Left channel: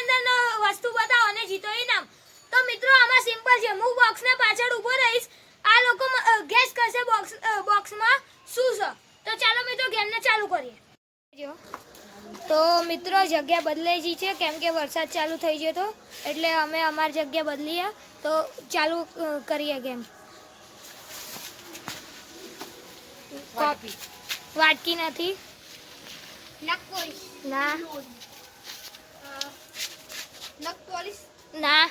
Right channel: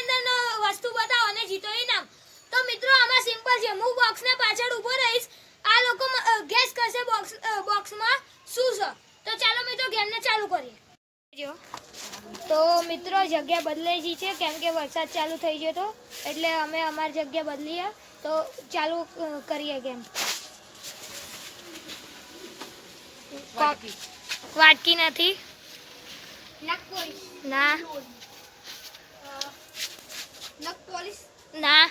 અંદરનો વસ્તુ બતાવો અને જીતો ઇનામ. તો મિત્રો આમાં સિમ્પલ છે, હું બોક્સના પાછળ ઊભો રહીશ, આ લોકો ગેસ કરશે બોક્સમાં શું છે. તો ચાલો મિત્રો ગેમને ચાલુ કરીએ. તો મિત્રો જગ્યા બદલાઈ ગઈ છે કેમ કે વરસાદ ચાલુ થઈ ગયો તો એટલે અમે અમારી જગ્યા બદલીએ. તો ચાલુ કરીએ ગેમ. વાટકી નથી ના ના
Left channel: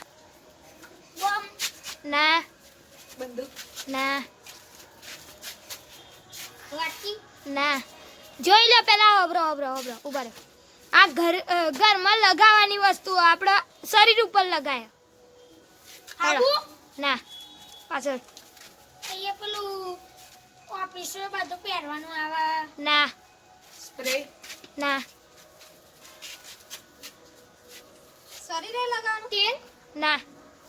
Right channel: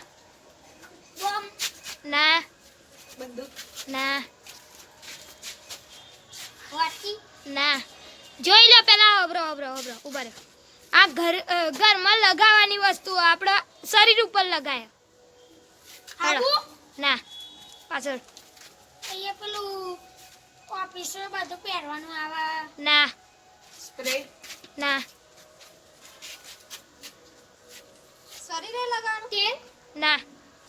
ના ના ના. જોઈ લો પેલા અબરો ઉભા રહો. આ ઘરમાં લગાવવાની વસ્તુ આપણા શરીર ઉપર લગાય. ના પાછળ અહીંયા પેલું ઓફિસમાં બધું પહેરવાનું આવે. ના સ્પ્રે. ના શરીરે લગાવવાનું તેલ. ના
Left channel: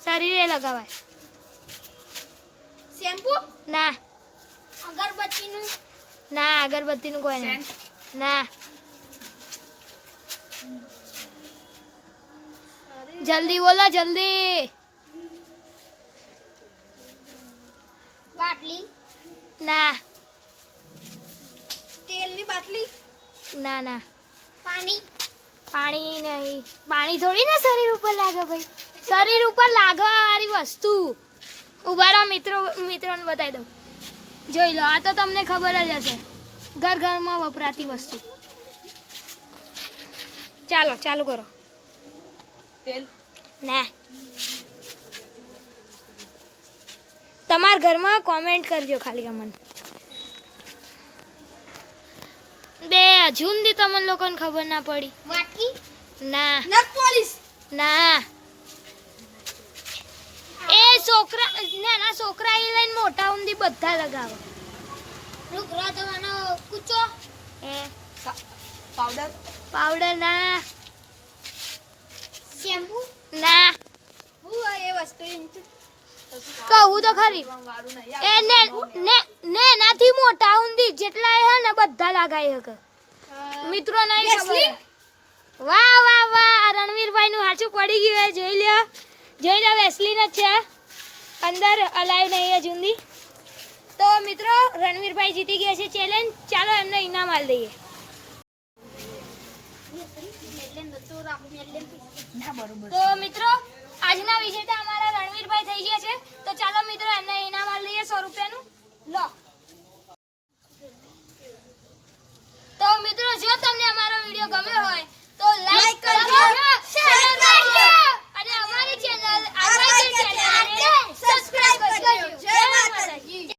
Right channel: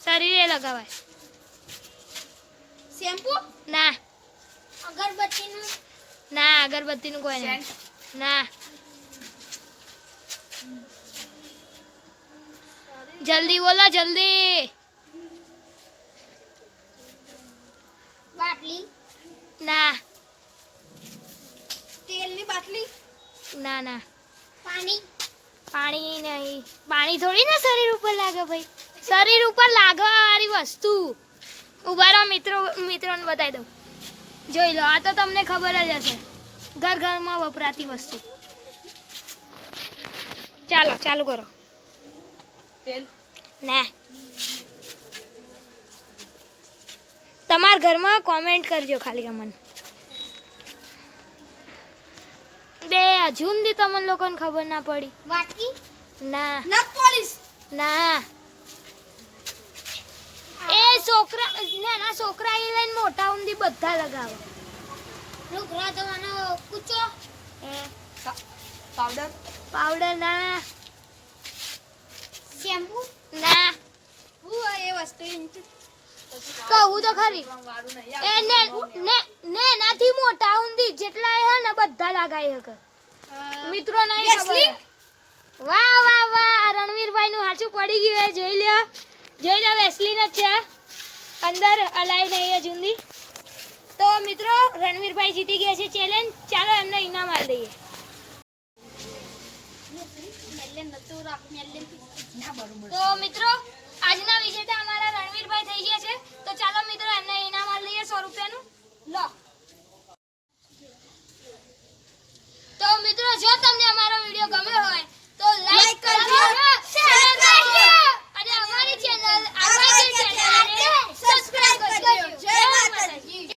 શરીરે લગાવાય. શેમ્પુ. ના અગરબત્તીનું. ના અગરબત્તીનું કોઈ નહીં. ના જલ્દી બોલો જલ્દી. બાટલી. ના તેલની બાટલી. ના ના પાણી નહીં. પાણી થોડી ના શરીર ઉપર લાગે ભાઈ. શરીર ઉપર લાગવા વાળી વસ્તુ. ઉભા રહો મિત્રોને બતાવી દઉં. જોઈ લો આ તો તમને ખબર જ હશે, ઘરમાં વપરાતી વસ્તુ. ચાલુ કરો. તેલ. ના તમારા ઘરમાં કોમેન્ટ કરજો ખાલી અમને. બે હજુ સુધી તમને લોકોને ખબર ના પડી. વાટકી. ના નખ પોલિશ. ના એ નાના છોકરા એ લઈને મોટા ઊંધી બધા લગાવો. રૂકરા તમારો કૂચો. એ પાવડર. ના શેમ્પુ. ના હું એ વસ્તુ કહું તો ખરી. ને નાથી મોટા ઊંધી જેટલા હે ને બધા લગાઈ શકે. મિત્રો નહીં ખબર. વાહ રણવીરભાઈ નું સાચું પડી ગયું. જોઈ લો વેસલીન જ છે અંદર, અલાઈવ નહીં જુંદી. તો મિત્રો રણવીરભાઈ જીતી ગયા છે ચેલેન્જ. ચાલો એમને ઇનામ આપી દઈએ. તો મિત્રો આજના વિજેતા અમારા રણવીરભાઈ થઈ ગયા છે. તો ચાલો મિત્રો એમને ઇનામ આપી દઈએ 100 રૂપિયાનું. લો